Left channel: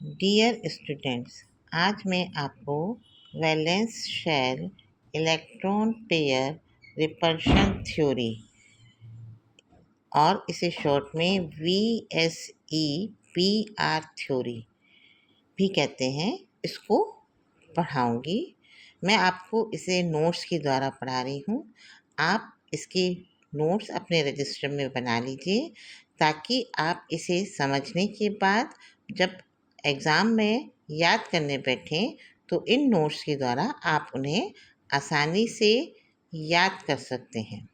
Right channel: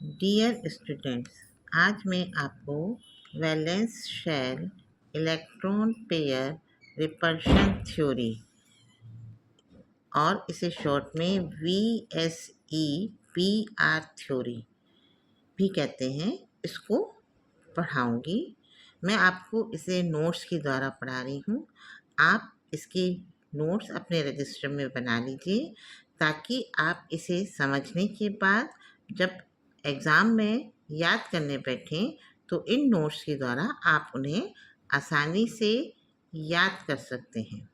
Dear students, आज मैं आपको valence shell electron pair repulsion theory और इसे शॉर्ट में VSEPR थ्योरी भी कहते हैं, इसको पढ़ाऊँगी। मैं आपको इसे नोट्स के द्वारा पढ़ा रही हूँ। आप इसके नोट्स अपने रजिस्टर में बना लीजिए ताकि आप इसे समझने के बाद जब एग्ज़ाम में याद करने बैठें तो इन नोट्स के द्वारा आप उन्हें आसानी से याद कर सकते हैं।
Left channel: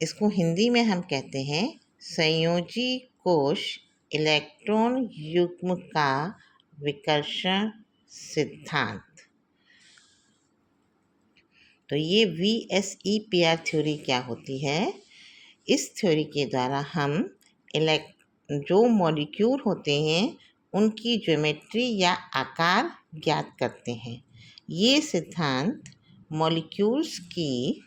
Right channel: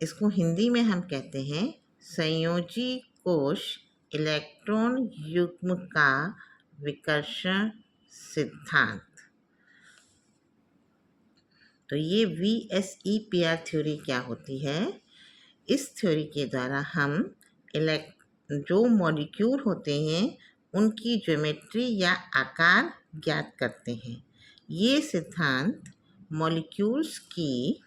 इसको हिंदी में हम कहते हैं संयोजी कोश इलेक्ट्रॉन युग्म का विकर्षण सिद्धांत। तो ये VSEPR थ्योरी क्या होती है? इस थ्योरी के द्वारा हम जो मॉलिक्यूल होते हैं उनकी ज्योमेट्री या आकार ज्ञात करते हैं। ये सिद्धांत मॉलिक्यूल्स की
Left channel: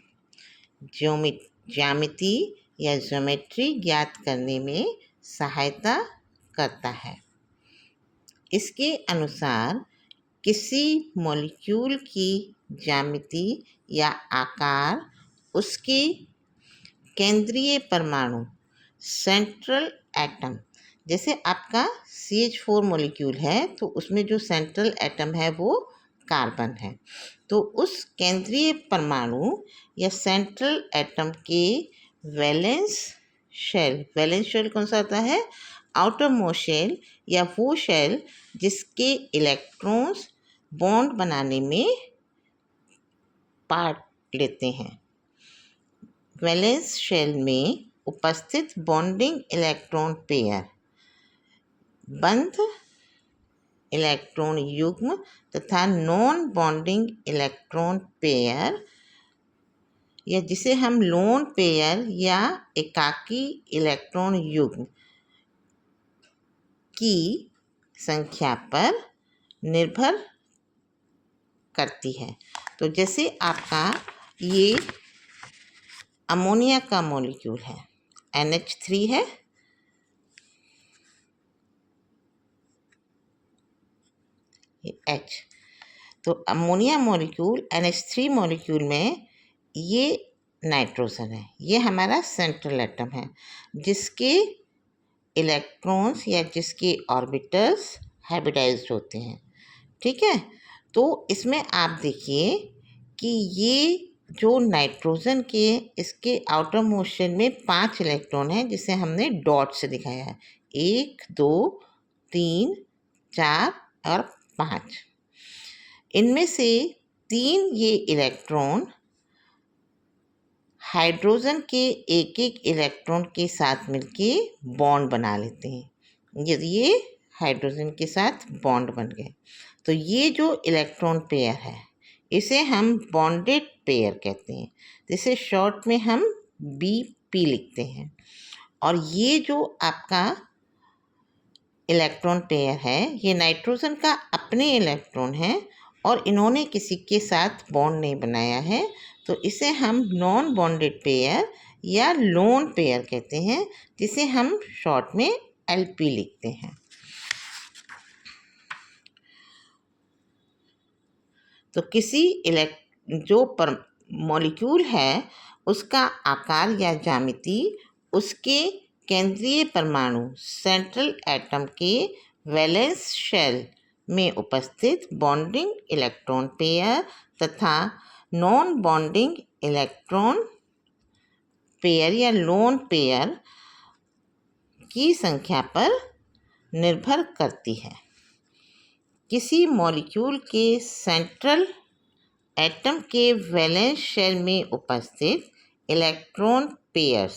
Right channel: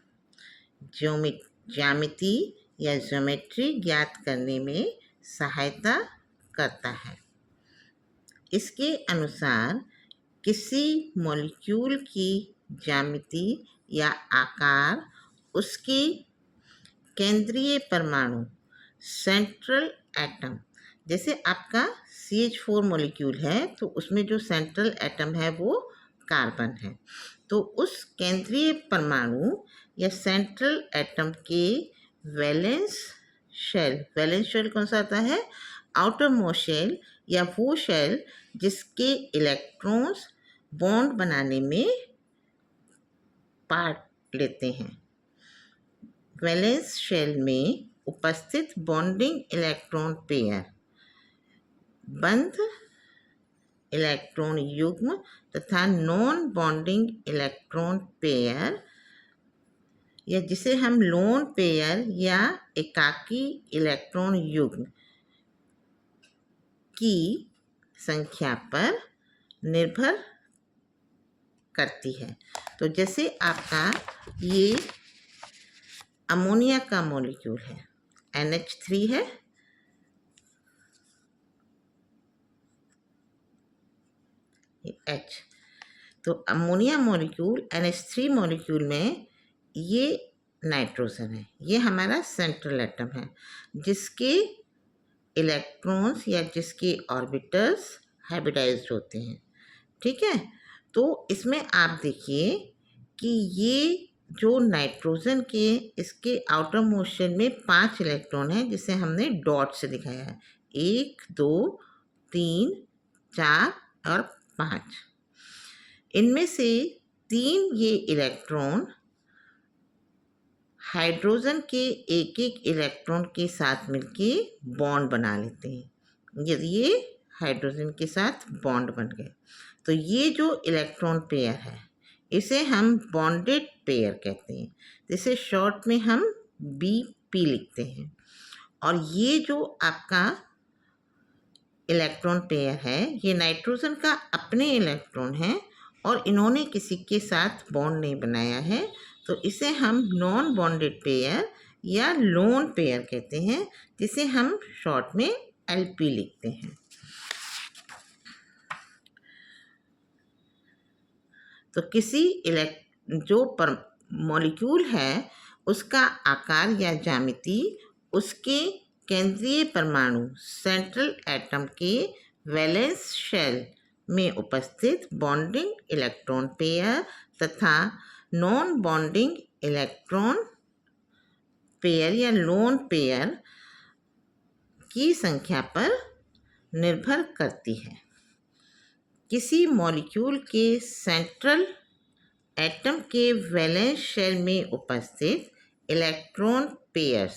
ज्यामिति या ज्योमेट्री ज्ञात करने में सहायता करता है। इसके अनुसार किसी मॉलिक्यूल की ज्यामिति या आकार उसके केंद्रीय परमाणु सेंट्रल एटम, जैसे आपका CH4 मॉलिक्यूल है तो उसमें जो सेंट्रल एटम है वो कार्बन है, तो उस केंद्रीय परमाणु या सेंट्रल एटम के वैलेंस शेल कौन सा आता है? आउटर मोस्ट शेल, या वो शेल जिसके इलेक्ट्रॉन्स बॉन्ड बनाने में पार्ट लेते हैं। वैलेंस शेल में उपस्थित बॉन्डिंग इलेक्ट्रॉन पेयर बंध इलेक्ट्रॉन युग्म तथा नॉन बॉन्डिंग इलेक्ट्रॉन पेयर, या जिसे हम लोन पेयर या एकाकी इलेक्ट्रॉन युग्म की संख्या पर निर्भर करती है। तो जैसे आपका ये अमोनिया का मॉलिक्यूल है, NH3 है, ये H। तो अमोनिया मॉलिक्यूल NH3 मॉलिक्यूल में ये नाइट्रोजन है, ये हमारा सेंट्रल एटम है जिसके इलेक्ट्रॉन्स या जिसके ऑर्बिटल्स हाइब्रिडाइज्ड होते हैं। ठीक है, तो इसमें आप देखिए कि ये जो नाइट्रोजन के इसके आउटर मोशन में 5 इलेक्ट्रॉन हैं जिसे हमने डॉट से दिखाया है, 1 2 3 4 और 5। इनमें से 3 ये इलेक्ट्रॉन हाइड्रोजन के एक एक इलेक्ट्रॉन के साथ मिलके बॉन्ड बना लेते हैं। यदि ये हाइड्रोजन के साथ बॉन्ड बन गए तो ये जो इलेक्ट्रॉन पेयर है इसे हम बॉन्डेड पेयर कहते हैं, जिसे शॉर्ट में हम BP लिखते हैं। और ये जो आपका इलेक्ट्रॉन पेयर है ये नाइट्रोजन का अपने इलेक्ट्रॉन है और इन्होंने किसी के साथ बॉन्ड नहीं बनाया है, तो इसे हम नॉन बॉन्डेड पेयर या लोन पेयर कहते हैं, जिसे हम शॉर्ट में LP लिखते हैं। तो किसी मॉलिक्यूल है उसका आकार या ज्यामिति उसके केंद्रीय परमाणु सेंट्रल एटम के वैलेंस शेल में उपस्थित बॉन्डिंग इलेक्ट्रॉन पेयर तथा नॉन बॉन्डिंग इलेक्ट्रॉन पेयर या लोन पेयर की संख्या पर निर्भर करती है। किसी मॉलिक्यूल के सेंट्रल एटम के वैलेंस शेल में उपस्थित इलेक्ट्रॉन पेयर्स,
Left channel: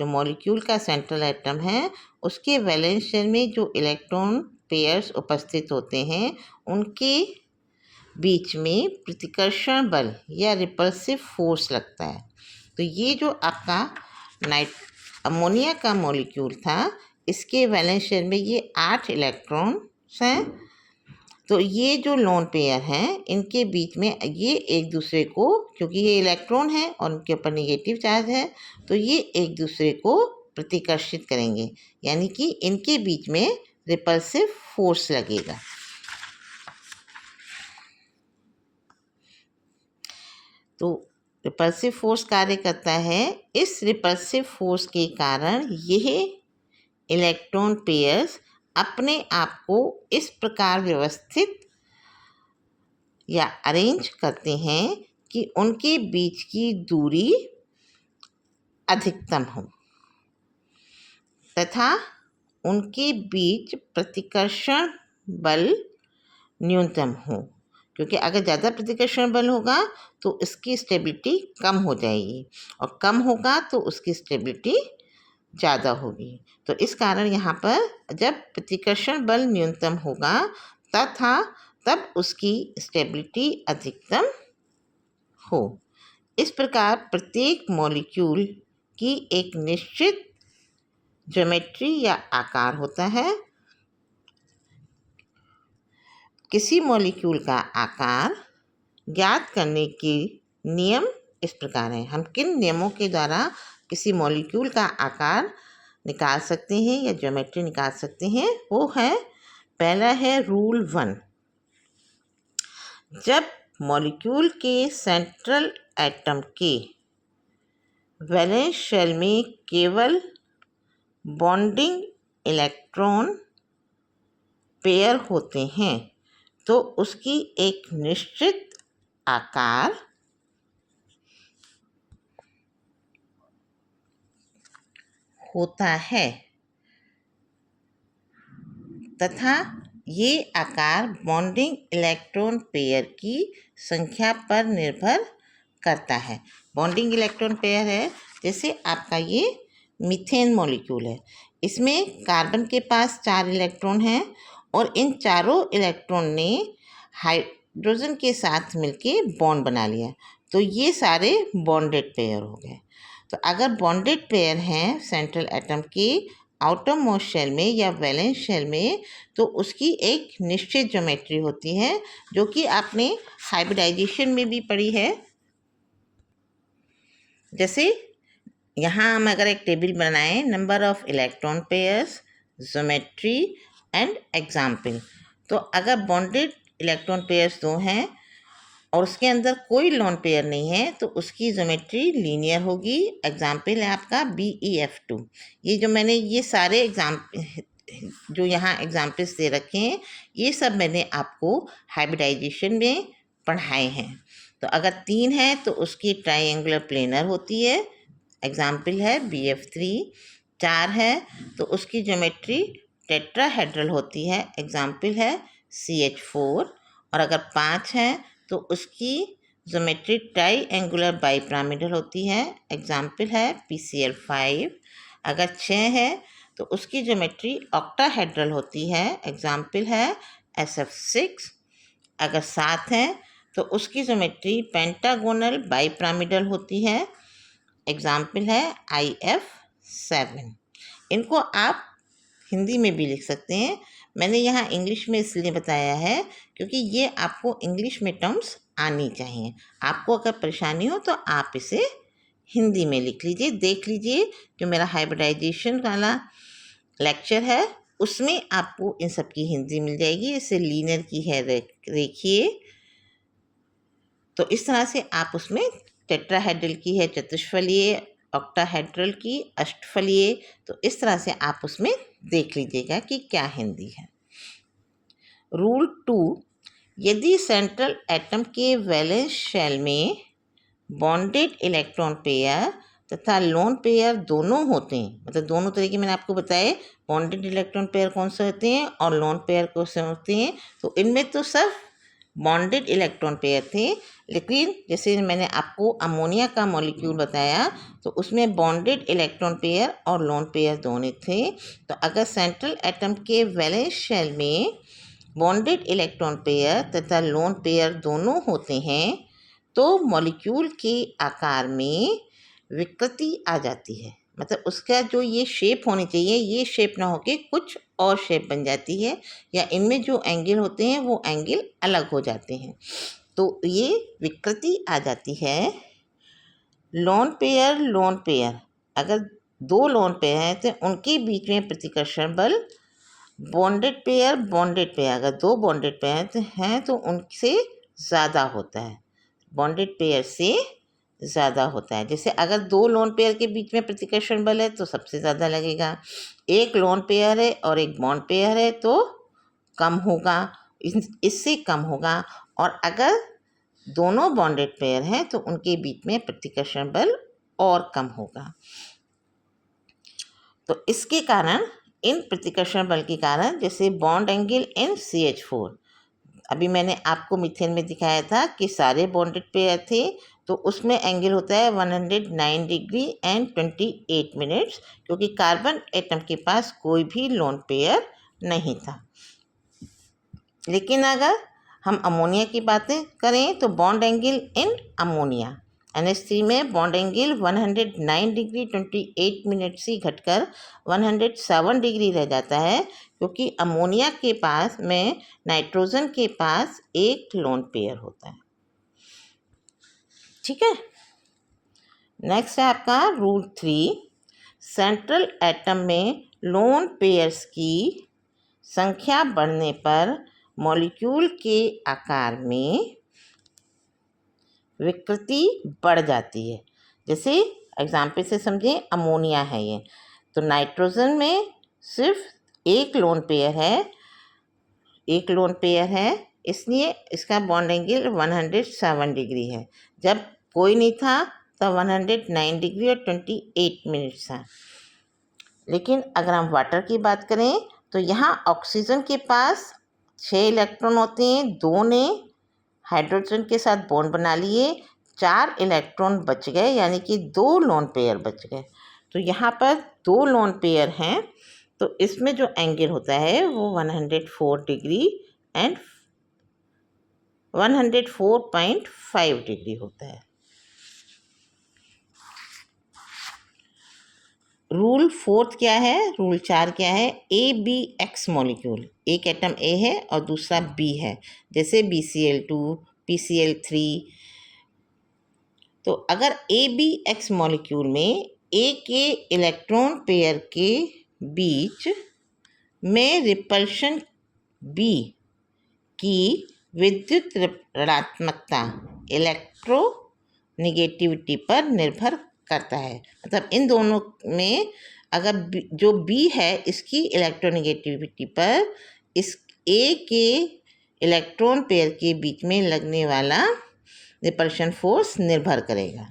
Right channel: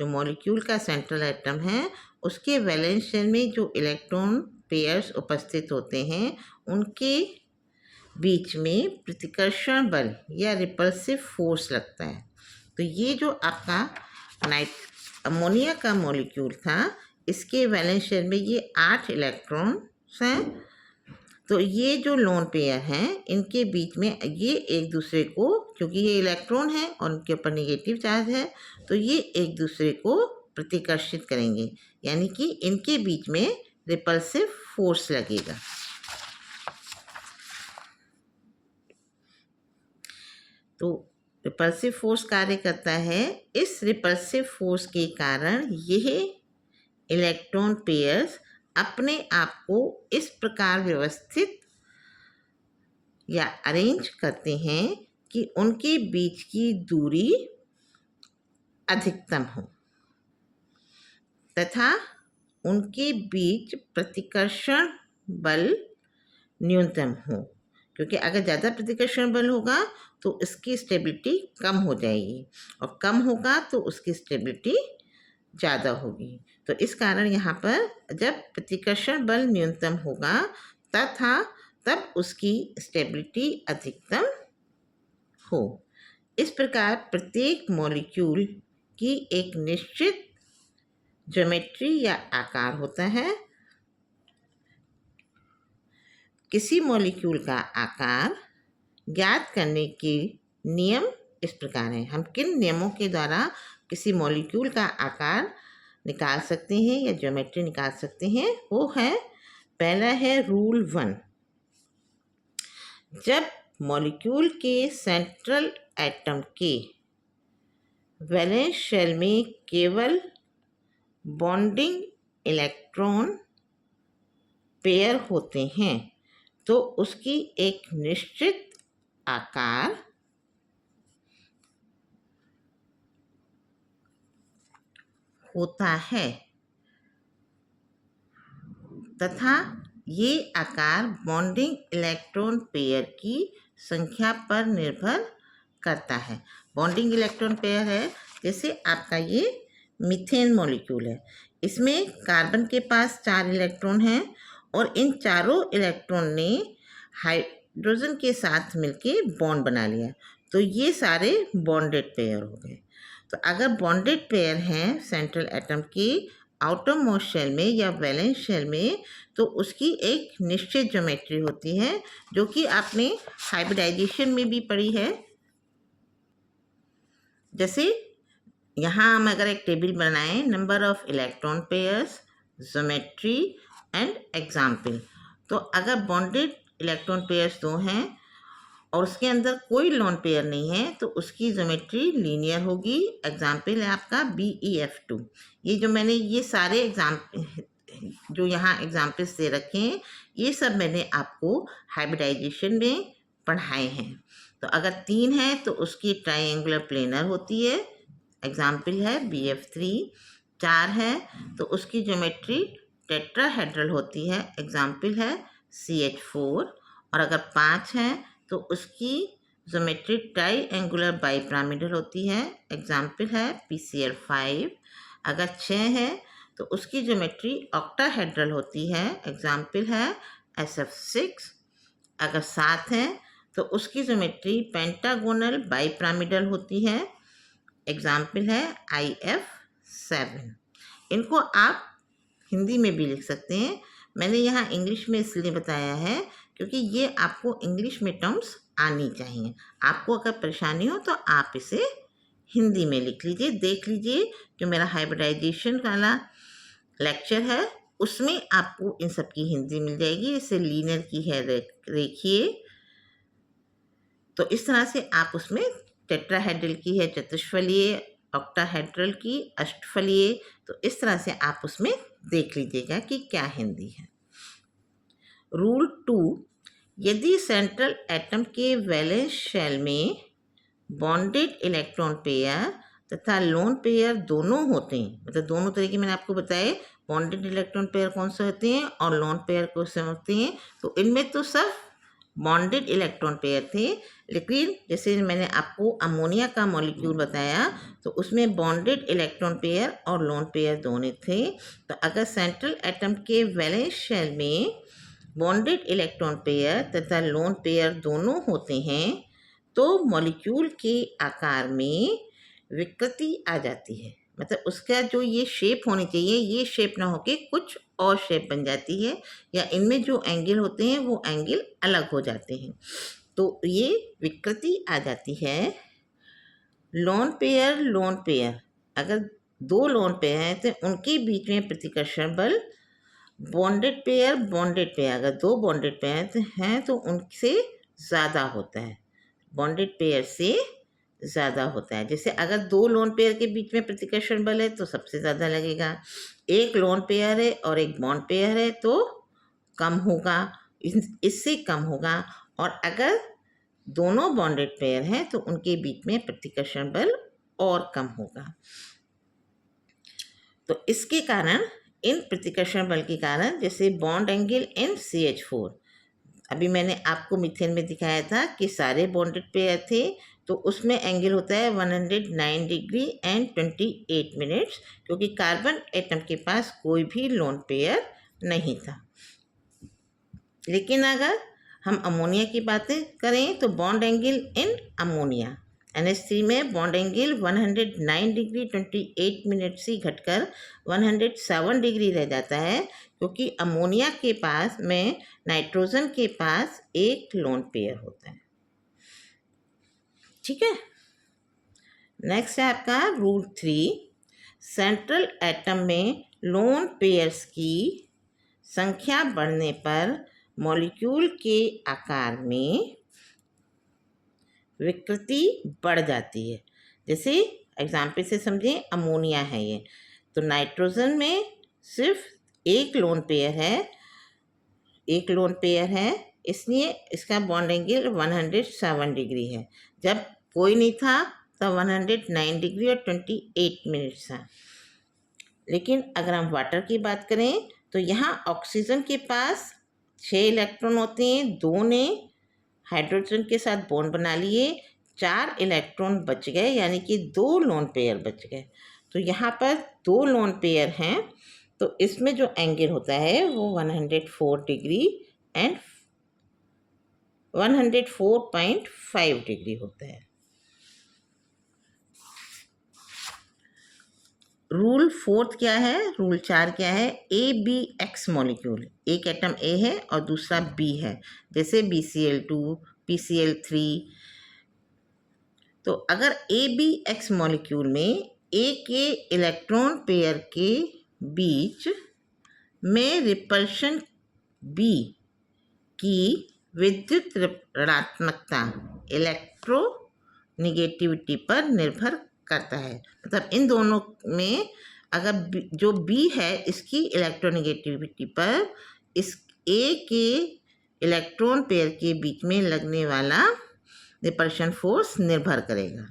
जो मॉलिक्यूल का सेंट्रल एटम है उसके वैलेंस शेल में जो इलेक्ट्रॉन पेयर्स उपस्थित होते हैं उनके बीच में प्रतिकर्षण बल या रिपल्सिव फोर्स लगता है। तो ये जो आपका अमोनिया का मॉलिक्यूल था इसके वैलेंस शेल में ये 8 इलेक्ट्रॉन्स हैं। तो ये जो लोन पेयर हैं इनके बीच में ये एक दूसरे को, क्योंकि ये इलेक्ट्रॉन है और उनके ऊपर नेगेटिव चार्ज है, तो ये एक दूसरे को प्रतिकर्षित करेंगे, यानी कि इनके बीच में रिपल्सिव फोर्स लगेगा। तो रिपल्सिव फोर्स कार्य करता है। इस रिपल्सिव फोर्स के कारण यह इलेक्ट्रॉन पेयर्स अपने आप को इस प्रकार व्यवस्थित या अरेंज करते हैं कि उनके बीच की दूरी अधिकतम हो तथा उनके बीच प्रतिकर्षण बल न्यूनतम हो, क्योंकि अगर ज़्यादा प्रतिकर्षण बल होगा तो इसकी स्टेबिलिटी कम हो जाएगी और कम होगा तो उसकी स्टेबिलिटी ज़्यादा होगी। तो इस कारण यहाँ पर जब प्रतिकर्षण बल न्यूनतम होगा तब उसकी स्टेबिलिटी अधिकतम हो। इस प्रकार प्रत्येक मॉलिक्यूल की एक निश्चित ज्योमेट्री या आकार होता है। किसी मॉलिक्यूल का आकार ज्ञात करने के नियम इस प्रकार हैं। हम किन नियमों के द्वारा किसी मॉलिक्यूल का आकार निकाल सकते हैं या ज्योमेट्री निकाल सकते हैं, वो है, पहला है रूल 1। जब मॉलिक्यूल के सेंट्रल एटम के वैलेंस शेल में केवल बॉन्डिंग इलेक्ट्रॉन पेयर होते हैं तो उसकी एक निश्चित आकार होता है तथा ये आकार बॉन्डिंग इलेक्ट्रॉन पेयर की संख्या पर निर्भर करता है। बॉन्डिंग इलेक्ट्रॉन पेयर है, जैसे आपका ये मीथेन मॉलिक्यूल है, इसमें कार्बन के पास 4 इलेक्ट्रॉन हैं और इन चारों इलेक्ट्रॉन ने हाइड्रोजन के साथ मिलके बॉन्ड बना लिया, तो ये सारे बॉन्डेड पेयर हो गए। तो अगर बॉन्डेड पेयर हैं सेंट्रल एटम के आउटर मोस्ट शेल में या वैलेंस शेल में, तो उसकी एक निश्चित ज्योमेट्री होती है जो कि आपने हाइब्रिडाइजेशन में भी पढ़ी है। जैसे यहाँ हम अगर एक टेबल बनाएं, number of electron pairs, geometry and example, तो अगर बॉन्डेड इलेक्ट्रॉन पेयर्स 2 हैं और उसके अंदर कोई लोन पेयर नहीं है तो उसकी ज्योमेट्री लीनियर होगी। एग्जाम्पल है आपका BeF2। ये जो मैंने ये सारे जो यहाँ एग्जाम्पल्स दे रखे हैं, ये सब मैंने आपको हाइब्रिडाइजेशन में पढ़ाए हैं। तो अगर 3 है तो उसकी ट्राइंगुलर प्लेनर होती है, एग्जाम्पल है BF3। 4 है तो उसकी ज्योमेट्री टेट्राहेड्रल होती है, एग्जाम्पल है CH4। और अगर 5 है तो उसकी ज्योमेट्री ट्राइंगुलर बाईपिरामिडल होती है, एग्जाम्पल है PCl5। अगर 6 है तो उसकी ज्योमेट्री ऑक्टाहेड्रल होती है, एग्जाम्पल है SF6। अगर 7 है तो उसकी ज्योमेट्री पेंटागोनल बाईपिरामिडल होती है, एग्जाम्पल है IF7। इनको आप हिंदी में भी लिख सकते हैं। मैंने यहाँ इंग्लिश में इसलिए बताया है क्योंकि ये आपको इंग्लिश में टर्म्स आनी चाहिए। आपको अगर परेशानी हो तो आप इसे हिंदी में लिख लीजिए। देख लीजिए जो मेरा हाइब्रिडाइजेशन वाला लेक्चर है उसमें आपको इन सब की हिंदी मिल जाएगी। इसे लीनियर की है देखिए, तो इस तरह से आप उसमें टेट्राहेड्रल की है चतुष्फलीय, ऑक्टाहेड्रल की अष्टफलीय, तो इस तरह से आप उसमें देख लीजिएगा कि क्या हिंदी है। रूल 2, यदि सेंट्रल एटम के वैलेंस शेल में बॉन्डेड इलेक्ट्रॉन पेयर तथा लोन पेयर दोनों होते हैं, मतलब दोनों तरीके मैंने आपको बताए, बॉन्डेड इलेक्ट्रॉन पेयर कौन से होते हैं और लोन पेयर कौन से होते हैं, तो इनमें तो सिर्फ बॉन्डेड इलेक्ट्रॉन पेयर थे। लेकिन जैसे मैंने आपको अमोनिया का मॉलिक्यूल बताया तो उसमें बॉन्डेड इलेक्ट्रॉन पेयर और लोन पेयर दोनों थे। तो अगर सेंट्रल एटम के वैलेंस शेल में बॉन्डेड इलेक्ट्रॉन पेयर तथा लोन पेयर दोनों होते हैं तो मॉलिक्यूल के आकार में विकृति आ जाती है, मतलब उसका जो ये शेप होनी चाहिए ये शेप ना होके कुछ और शेप बन जाती है, या इनमें जो एंगल होते हैं वो एंगल अलग हो जाते हैं, तो ये विकृति आ जाती है। लोन पेयर अगर 2 लोन पेयर हैं तो उनके बीच में प्रतिकर्षण बल बॉन्डेड पेयर अगर दो बॉन्डेड पेयर हैं तो उनसे ज़्यादा होता है, बॉन्डेड पेयर से ज़्यादा होता है। जैसे अगर दो लोन पेयर के बीच में प्रतिकर्षण बल है तो सबसे ज़्यादा लगेगा, एक लोन पेयर है और एक बॉन्ड पेयर है तो कम होगा, इससे कम होगा। और अगर दोनों बॉन्डेड पेयर हैं तो उनके बीच में प्रतिकर्षण बल और कम होगा। तो इसके कारण, इन प्रतिकर्षण बल के कारण, जैसे बॉन्ड एंगल इन CH4, अभी मैंने आपको मीथेन में दिखाया था कि सारे बॉन्डेड पेयर थे तो उसमें एंगल होता है 109 डिग्री एंड 28 मिनट्स, क्योंकि कार्बन एटम के पास कोई भी लोन पेयर नहीं था। लेकिन अगर हम अमोनिया की बातें करें तो bond angle in ammonia NH3 में बॉन्ड एंगल 109 डिग्री 28 मिनट से घटकर 107 डिग्री रह जाता है, क्योंकि अमोनिया के पास में नाइट्रोजन के पास एक लोन पेयर होता है। ठीक है। नेक्स्ट है आपका रूल 3, सेंट्रल एटम में लोन पेयर्स की संख्या बढ़ने पर मॉलिक्यूल के आकार में विकृति बढ़ जाती है। जैसे एग्जाम्पल से समझें, अमोनिया है ये, तो नाइट्रोजन में सिर्फ एक लोन पेयर है, इसलिए इसका बॉन्ड एंगल 107 डिग्री है। जब कोई नहीं था तब 109 डिग्री और 28 मिनट था। लेकिन अगर हम वाटर की बात करें तो यहाँ ऑक्सीजन के पास 6 इलेक्ट्रॉन होते हैं, 2 ने हाइड्रोजन के साथ बॉन्ड बना लिए, 4 इलेक्ट्रॉन बच गए, यानी कि 2 लोन पेयर बच गए। तो यहाँ पर 2 लोन पेयर हैं, तो इसमें जो एंगल होता है वो 104 डिग्री एंड 104.5 डिग्री होता है। रूल 4 क्या है, रूल 4 क्या है, ABX मॉलिक्यूल, एक एटम A है और दूसरा B है, जैसे BCl2, PCl3। तो अगर ABX मॉलिक्यूल में A के इलेक्ट्रॉन पेयर के बीच में रिपल्शन B की विद्युत ऋणात्मकता इलेक्ट्रोनेगेटिविटी पर निर्भर करता है। मतलब इन दोनों में अगर जो B है इसकी इलेक्ट्रोनेगेटिविटी पर इस A के इलेक्ट्रॉन पेयर के बीच में लगने वाला रिपल्शन फोर्स निर्भर करेगा।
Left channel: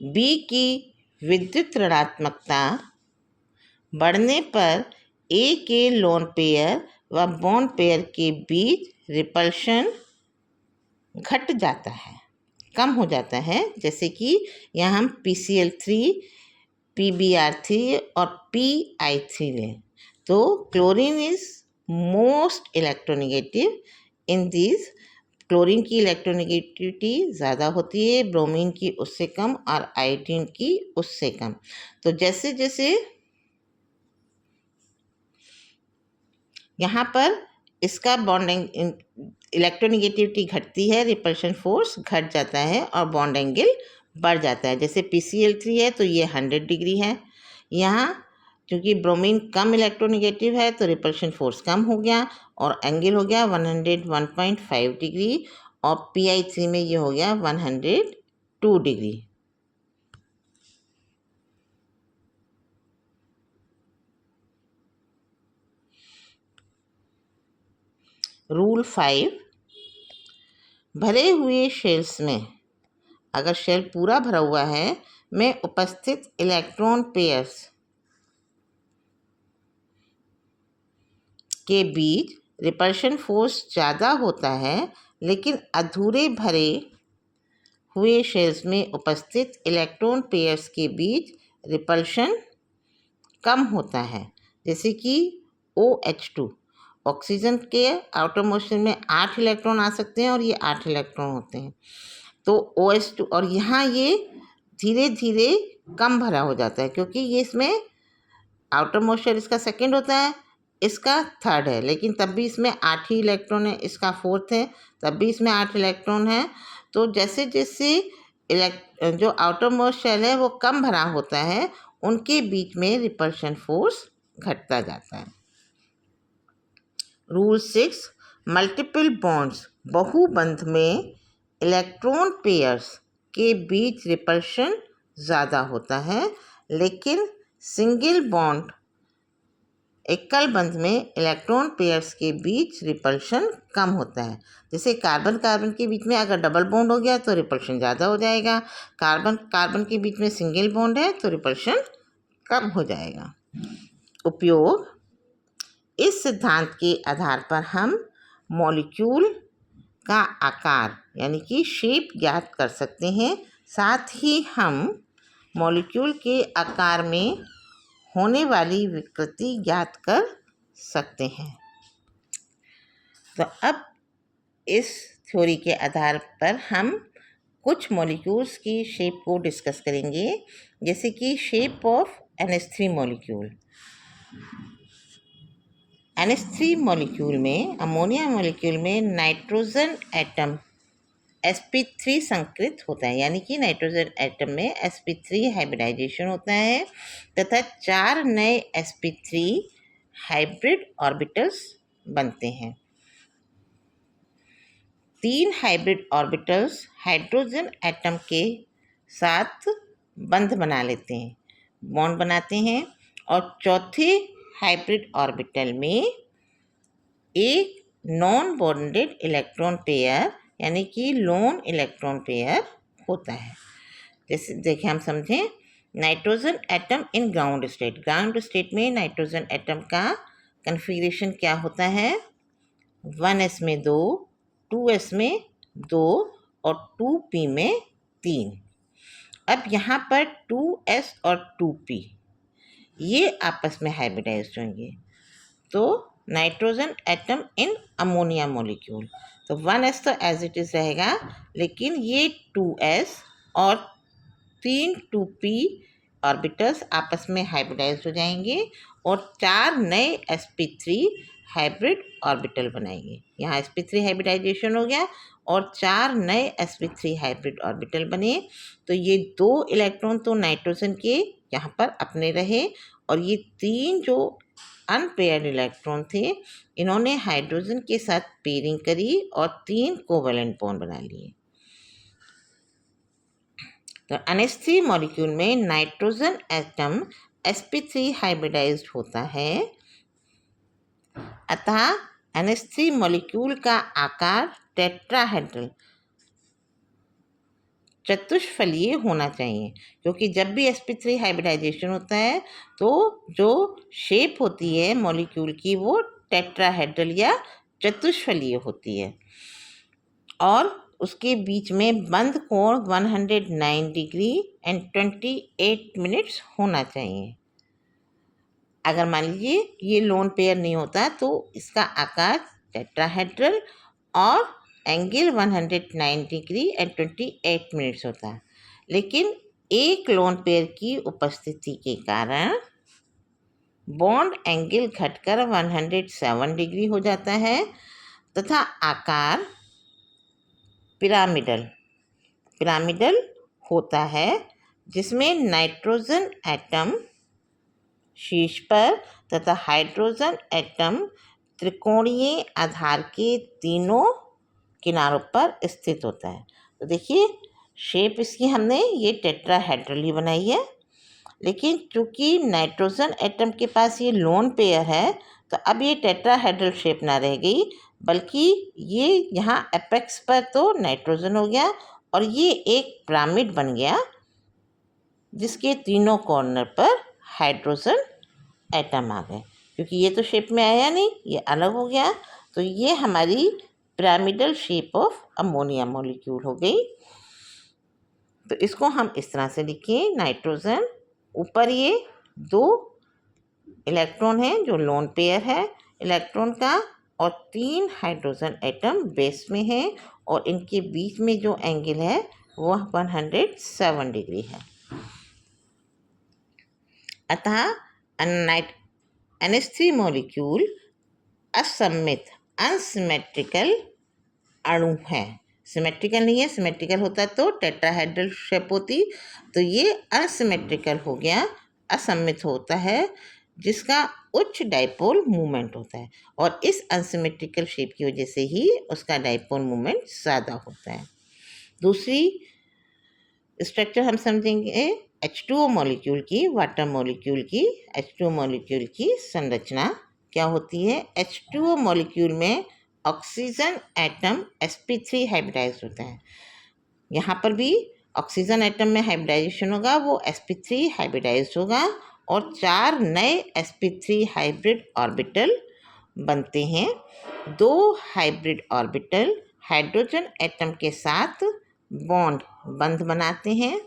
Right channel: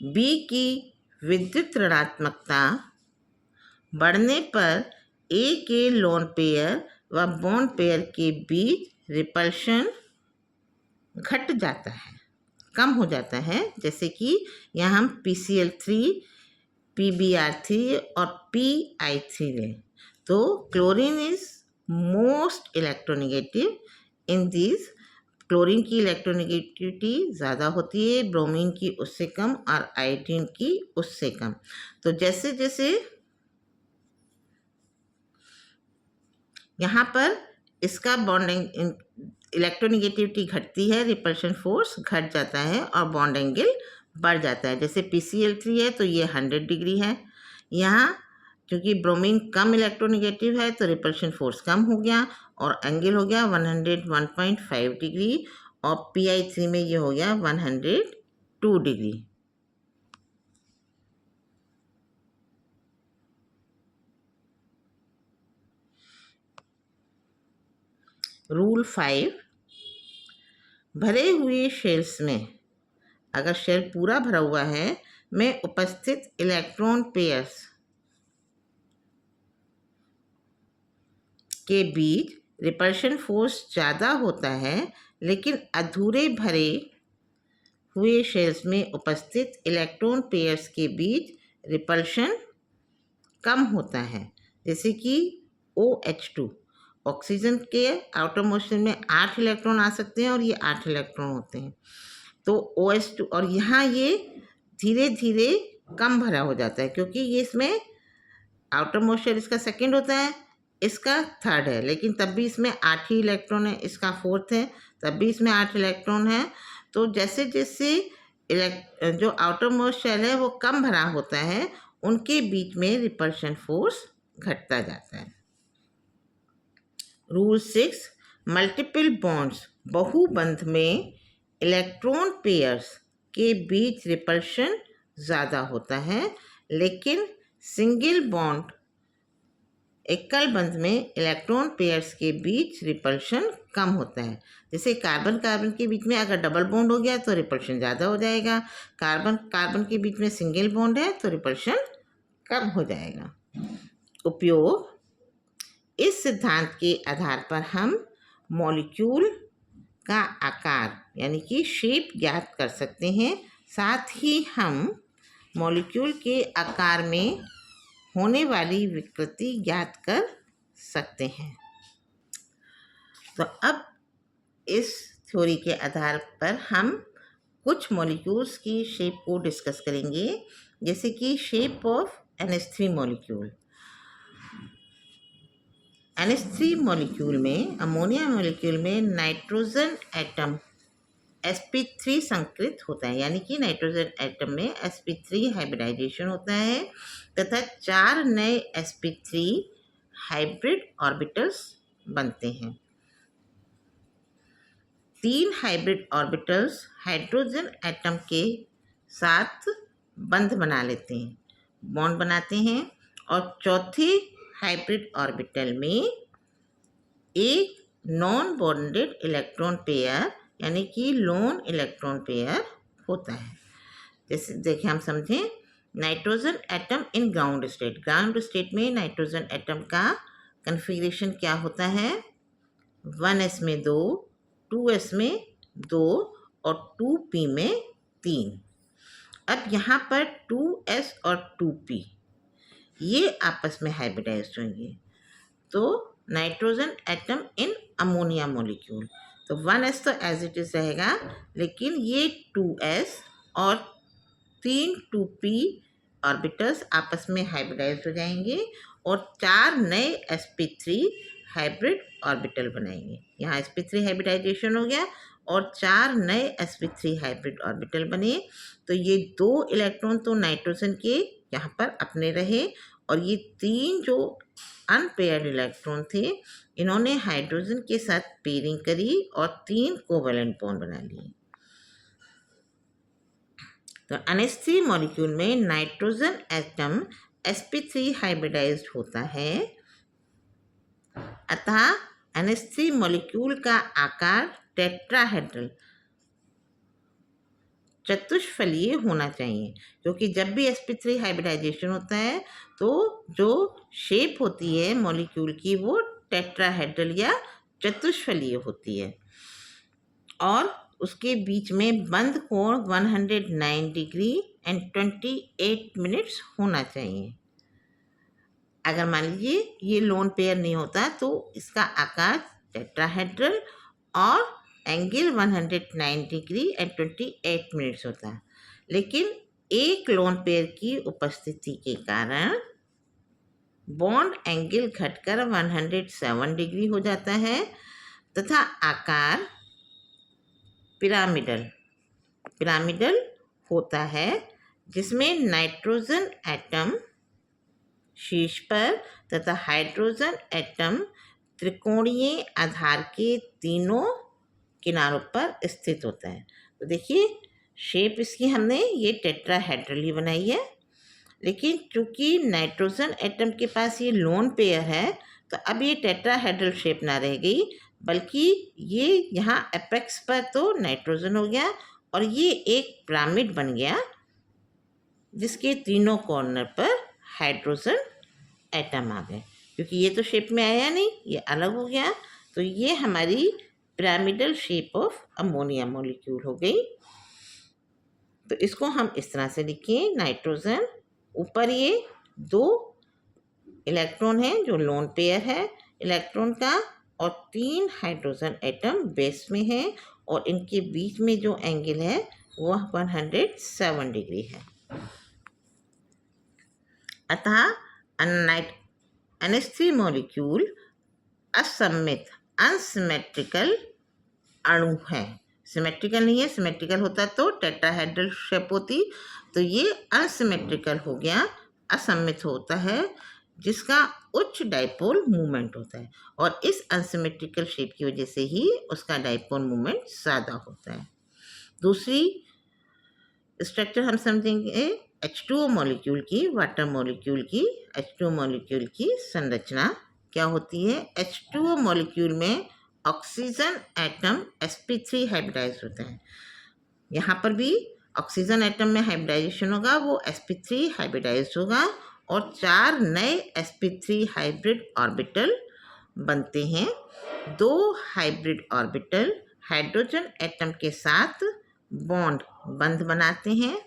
B की विद्युत ऋणात्मकता बढ़ने पर A के लोन पेयर व बॉन्ड पेयर के बीच रिपल्शन घट जाता है, कम हो जाता है। जैसे कि यहाँ हम PCl3, PBr3 और PI3 लें तो chlorine is most electronegative in this, chlorine की इलेक्ट्रोनेगेटिविटी ज़्यादा होती है, ब्रोमीन की उससे कम और आयोडीन की उससे कम। तो जैसे जैसे यहाँ पर इसका बॉन्डिंग इलेक्ट्रोनेगेटिविटी घटती है, रिपल्शन फोर्स घट जाता है और बॉन्ड एंगल बढ़ जाता है। जैसे PCl3 है तो ये 100 डिग्री है, यहाँ क्योंकि ब्रोमीन कम इलेक्ट्रोनेगेटिव है तो रिपल्शन फोर्स कम हो गया और एंगल हो गया 101.5 डिग्री, और PI3 में ये हो गया 102 डिग्री। रूल 5, भरे हुए शेल्स में, अगर शेल पूरा भरा हुआ है, में उपस्थित इलेक्ट्रॉन पेयर्स के बीच रिपल्शन फोर्स ज़्यादा होता है, लेकिन अधूरे भरे हुए शेल्स में उपस्थित इलेक्ट्रॉन पेयर्स के बीच रिपल्शन कम होता है। जैसे कि OH2, ऑक्सीजन के आउटर मोशन में 8 इलेक्ट्रॉन आ सकते हैं और ये 8 इलेक्ट्रॉन होते हैं, तो OH2, और यहाँ ये धीरे धीरे कम भरा हो जाता है क्योंकि ये इसमें आउटर मोस्ट शेल इसका सेकंड होता है, इसका थर्ड है, लेकिन तब भी इसमें 8 ही इलेक्ट्रॉन है, इसका फोर्थ है, तब भी इसमें 8 इलेक्ट्रॉन है। तो जैसे जैसे जो आउटर मोस्ट शेल है वो कम भरा होता है, उनके बीच में रिपल्शन फोर्स घटता जाता है। रूल 6, मल्टीपल बॉन्ड्स, बहुबंध में इलेक्ट्रॉन पेयर्स के बीच रिपल्शन ज़्यादा होता है, लेकिन सिंगल बॉन्ड एकल बंध में इलेक्ट्रॉन पेयर्स के बीच रिपल्शन कम होता है। जैसे कार्बन कार्बन के बीच में अगर डबल बॉन्ड हो गया तो रिपल्शन ज़्यादा हो जाएगा, कार्बन कार्बन के बीच में सिंगल बॉन्ड है तो रिपल्शन कम हो जाएगा। उपयोग, इस सिद्धांत के आधार पर हम मॉलिक्यूल का आकार यानी कि शेप ज्ञात कर सकते हैं। साथ ही हम मॉलिक्यूल के आकार में होने वाली विकृति ज्ञात कर सकते हैं। तो अब इस थ्योरी के आधार पर हम कुछ मॉलिक्यूल्स की शेप को डिस्कस करेंगे, जैसे कि shape of NH3 molecule. NH3 molecule में, अमोनिया मॉलिक्यूल में नाइट्रोजन एटम sp3 संकृत होता है, यानी कि नाइट्रोजन एटम में sp3 हाइब्रिडाइजेशन होता है तथा 4 नए sp3 हाइब्रिड ऑर्बिटल्स बनते हैं। 3 हाइब्रिड ऑर्बिटल्स हाइड्रोजन एटम के साथ बंध बना लेते हैं, बॉन्ड बनाते हैं, और चौथे हाइब्रिड ऑर्बिटल में एक नॉन बॉन्डेड इलेक्ट्रॉन पेयर यानी कि लोन इलेक्ट्रॉन पेयर होता है। जैसे देखिए, हम समझें, nitrogen atom in ground state. Ground state में नाइट्रोजन एटम का कन्फिग्रेशन क्या होता है? 1s में 2, 2s में 2 और 2p में 3। अब यहाँ पर 2s और 2p ये आपस में हाइब्रिडाइज्ड होंगे, तो nitrogen atom in ammonia molecule, तो 1s तो एज इट इज़ रहेगा, लेकिन ये 2s और 3 2p ऑर्बिटल्स आपस में हाइब्रिडाइज्ड हो जाएंगे और 4 नए sp3 हाइब्रिड ऑर्बिटल बनाएंगे। यहाँ sp3 हाइब्रिडाइजेशन हो गया और 4 नए sp3 हाइब्रिड ऑर्बिटल बने, तो ये 2 इलेक्ट्रॉन तो नाइट्रोजन के यहाँ पर अपने रहे और ये 3 जो अनपेयर्ड इलेक्ट्रॉन थे इन्होंने हाइड्रोजन के साथ पेयरिंग करी और 3 कोवेलेंट बॉन्ड बना लिए। तो NH3 मॉलिक्यूल में नाइट्रोजन एटम sp3 हाइब्रिडाइज्ड होता है, अतः NH3 मॉलिक्यूल का आकार टेट्राहेड्रल चतुष्फलीय होना चाहिए, क्योंकि जब भी sp3 हाइब्रिडाइजेशन होता है तो जो शेप होती है मॉलिक्यूल की वो टेट्राहेड्रल या चतुष्फलीय होती है और उसके बीच में बंद कोण 109 डिग्री एंड 28 मिनट्स होना चाहिए। अगर मान लीजिए ये लोन पेयर नहीं होता तो इसका आकार टेट्राहेड्रल और एंगल 109 डिग्री एंड 28 मिनट्स होता, लेकिन एक लोन पेयर की उपस्थिति के कारण बॉन्ड एंगल घटकर 107 डिग्री हो जाता है तथा आकार पिरामिडल होता है, जिसमें नाइट्रोजन एटम शीर्ष पर तथा हाइड्रोजन एटम त्रिकोणीय आधार के तीनों किनारों पर स्थित होता है। तो देखिए, शेप इसकी हमने ये टेट्राहेड्रल ही बनाई है, लेकिन चूँकि नाइट्रोजन एटम के पास ये लोन पेयर है तो अब ये टेट्राहेड्रल शेप ना रह गई, बल्कि ये यहाँ एपेक्स पर तो नाइट्रोजन हो गया और ये एक पिरामिड बन गया जिसके तीनों कॉर्नर पर हाइड्रोजन एटम आ गए। क्योंकि ये तो शेप में आया नहीं, ये अलग हो गया, तो ये हमारी pyramidal shape of ammonia molecule हो गई। तो इसको हम इस तरह से लिखें, नाइट्रोजन ऊपर ये 2 इलेक्ट्रॉन है जो लोन पेयर है इलेक्ट्रॉन का और 3 हाइड्रोजन एटम बेस में है और इनके बीच में जो एंगल है वह 107 डिग्री है। अतः NH3 मॉलिक्यूल असममित अनसिमेट्रिकल अणु है। सिमेट्रिकल नहीं है, सिमेट्रिकल होता तो टेट्राहेड्रल शेप होती, तो ये अनसिमेट्रिकल हो गया, असममित होता है, जिसका उच्च डाइपोल मूवमेंट होता है, और इस अनसिमेट्रिकल शेप की वजह से ही उसका डाइपोल मूवमेंट ज़्यादा होता है। दूसरी स्ट्रक्चर हम समझेंगे H2O मॉलिक्यूल की, वाटर मॉलिक्यूल की। H2O मॉलिक्यूल की संरचना क्या होती है? H2O मॉलिक्यूल में ऑक्सीजन एटम sp3 हाइब्रिडाइज होता है। यहाँ पर भी ऑक्सीजन एटम में हाइब्रिडाइजेशन होगा, वो sp3 हाइब्रिडाइज होगा और 4 नए sp3 हाइब्रिड ऑर्बिटल बनते हैं। 2 हाइब्रिड ऑर्बिटल हाइड्रोजन एटम के साथ बंध बनाते हैं,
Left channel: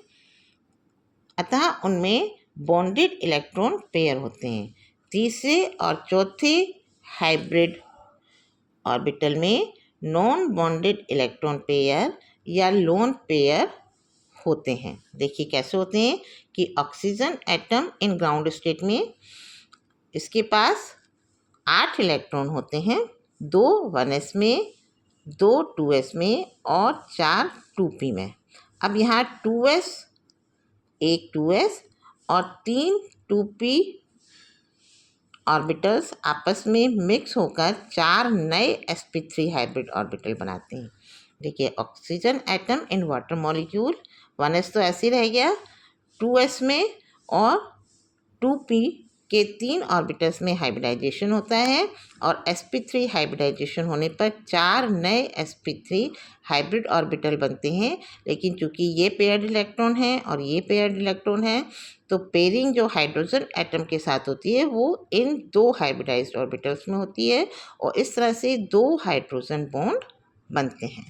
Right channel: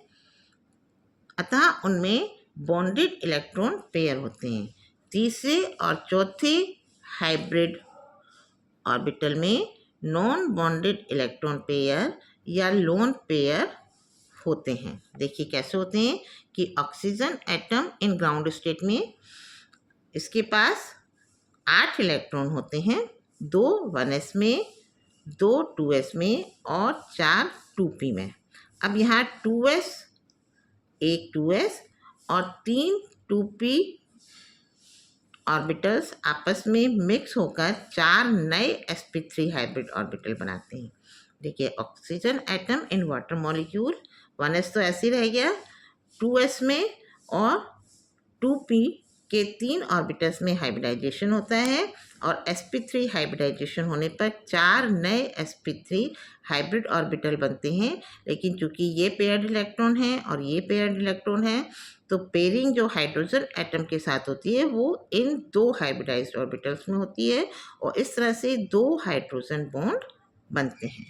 अतः उनमें बॉन्डेड इलेक्ट्रॉन पेयर होते हैं। तीसरे और चौथे हाइब्रिड ऑर्बिटल में नॉन बॉन्डेड इलेक्ट्रॉन पेयर या लोन पेयर होते हैं। देखिए कैसे होते हैं कि oxygen atom in ground state में इसके पास 8 इलेक्ट्रॉन होते हैं, 2 1s में, 2 2s में और 4 2p में। अब यहाँ 2s, एक 2s और 3 2p ऑर्बिटल्स आपस में मिक्स होकर 4 नए sp3 हाइब्रिड ऑर्बिटल बनाते हैं। देखिए oxygen atom in water molecule, 1s तो ऐसे ही रह गया, 2s में और 2p के 3 ऑर्बिटल्स में हाइब्रिडाइजेशन होता है और sp3 हाइब्रिडाइजेशन होने पर 4 नए sp3 हाइब्रिड ऑर्बिटल बनते हैं। लेकिन चूंकि ये पेयर्ड इलेक्ट्रॉन है और ये पेयर्ड इलेक्ट्रॉन है, तो पेयरिंग जो हाइड्रोजन एटम के साथ होती है वो इन 2 हाइब्रिडाइज्ड ऑर्बिटल्स में होती है और इस तरह से 2 हाइड्रोजन बॉन्ड बनते हैं।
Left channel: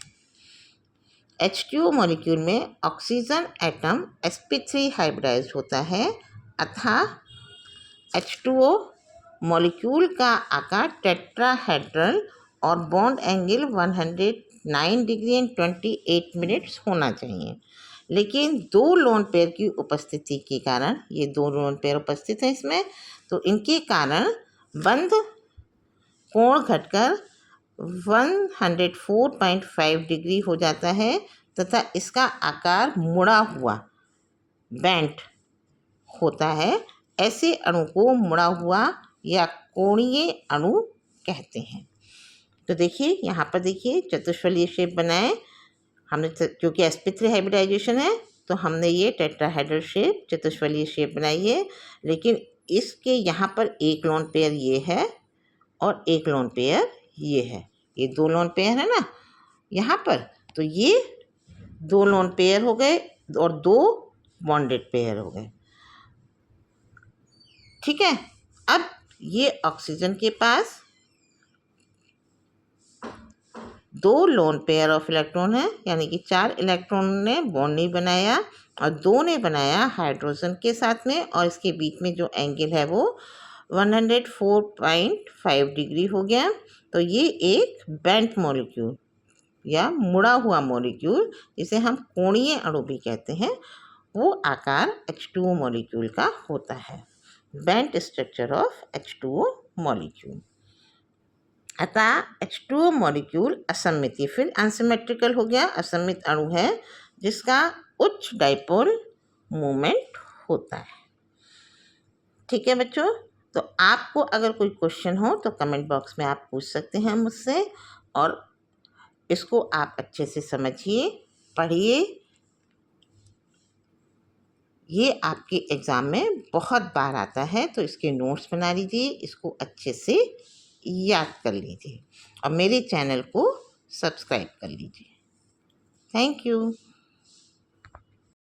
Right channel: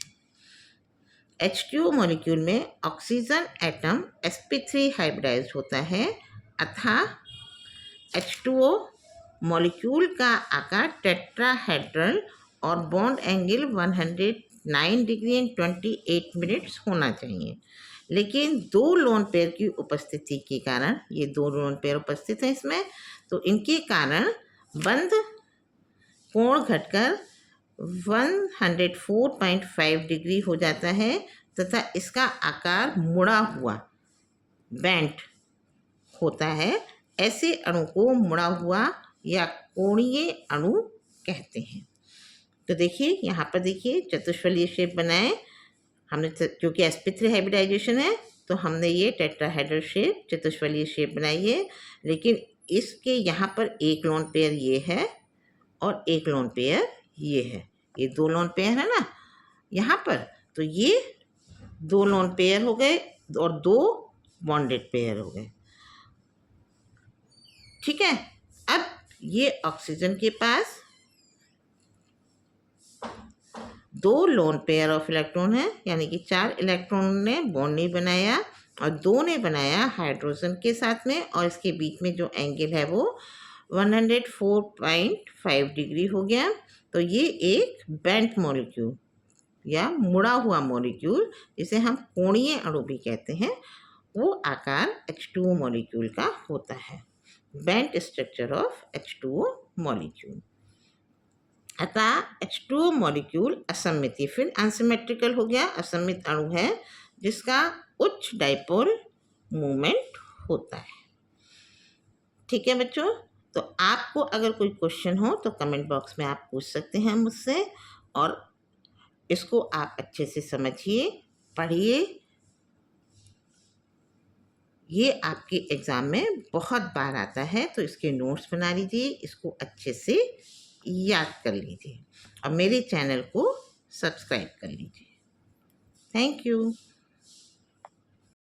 H2O मॉलिक्यूल में ऑक्सीजन एटम sp3 हाइब्रिडाइज्ड होता है, अतः H2O मॉलिक्यूल का आकार टेट्राहेड्रल और bond angle 109 degree and 28 minutes होना चाहिए। लेकिन 2 लोन पेयर की उपस्थिति के कारण, ये 2 लोन पेयर उपस्थित हैं इसमें, तो इनके कारण बंध कोण घटकर 104.5 डिग्री हो जाता है तथा इसका आकार मुड़ा हुआ बेंट होता है। ऐसे अणु को मुड़ा हुआ या कोणीय अणु कहते हैं। तो देखिए यहाँ पर देखिए चतुष्फलीय शेप बनाए हमने, क्योंकि sp3 हाइब्रिडाइजेशन है तो हमने ये टेट्राहेड्रल शेप, चतुष्फलीय शेप बनाई है। लेकिन इसके यहाँ पर एक लोन पेयर ये है और एक लोन पेयर ये है, ये 2 लोन पेयर है ना यहाँ पर, तो ये 2 लोन पेयर हो गए और 2 बॉन्डेड पेयर हो गए। ठीक है, अब ये ऑक्सीजन के पास 2 लोन पेयर ऑफ इलेक्ट्रॉन है, यानी कि 4 इलेक्ट्रॉन ने बॉन्ड नहीं बनाया और 2 ने बनाया हाइड्रोजन के साथ में, और इसके बीच में जो एंगल है वो 104.5 डिग्री हो गया। तो ये एक बेंट मॉलिक्यूल या मुड़ा हुआ मॉलिक्यूल, जिसे हम कोणीय अणु भी कहते हैं, वो आकार H2O मॉलिक्यूल का होता है, bent structure of H2O molecule. अतः H2O मॉलिक्यूल असममित, फिर अनसिमेट्रिकल हो गया, असममित अणु है जिसका उच्च डाइपोल मूवमेंट होता है। ठीक है बच्चों, तो आपको अगर कोई क्वेश्चन हो तो कमेंट बॉक्स में आप पूछ सकते हैं मुझसे, और इसको आप अच्छे से समझिए, पढ़िए। ये आपके एग्ज़ाम में बहुत बार आता है, तो इसके नोट्स बना लीजिए, इसको अच्छे से याद कर लीजिए और मेरे चैनल को सब्सक्राइब कर लीजिए। Thank you.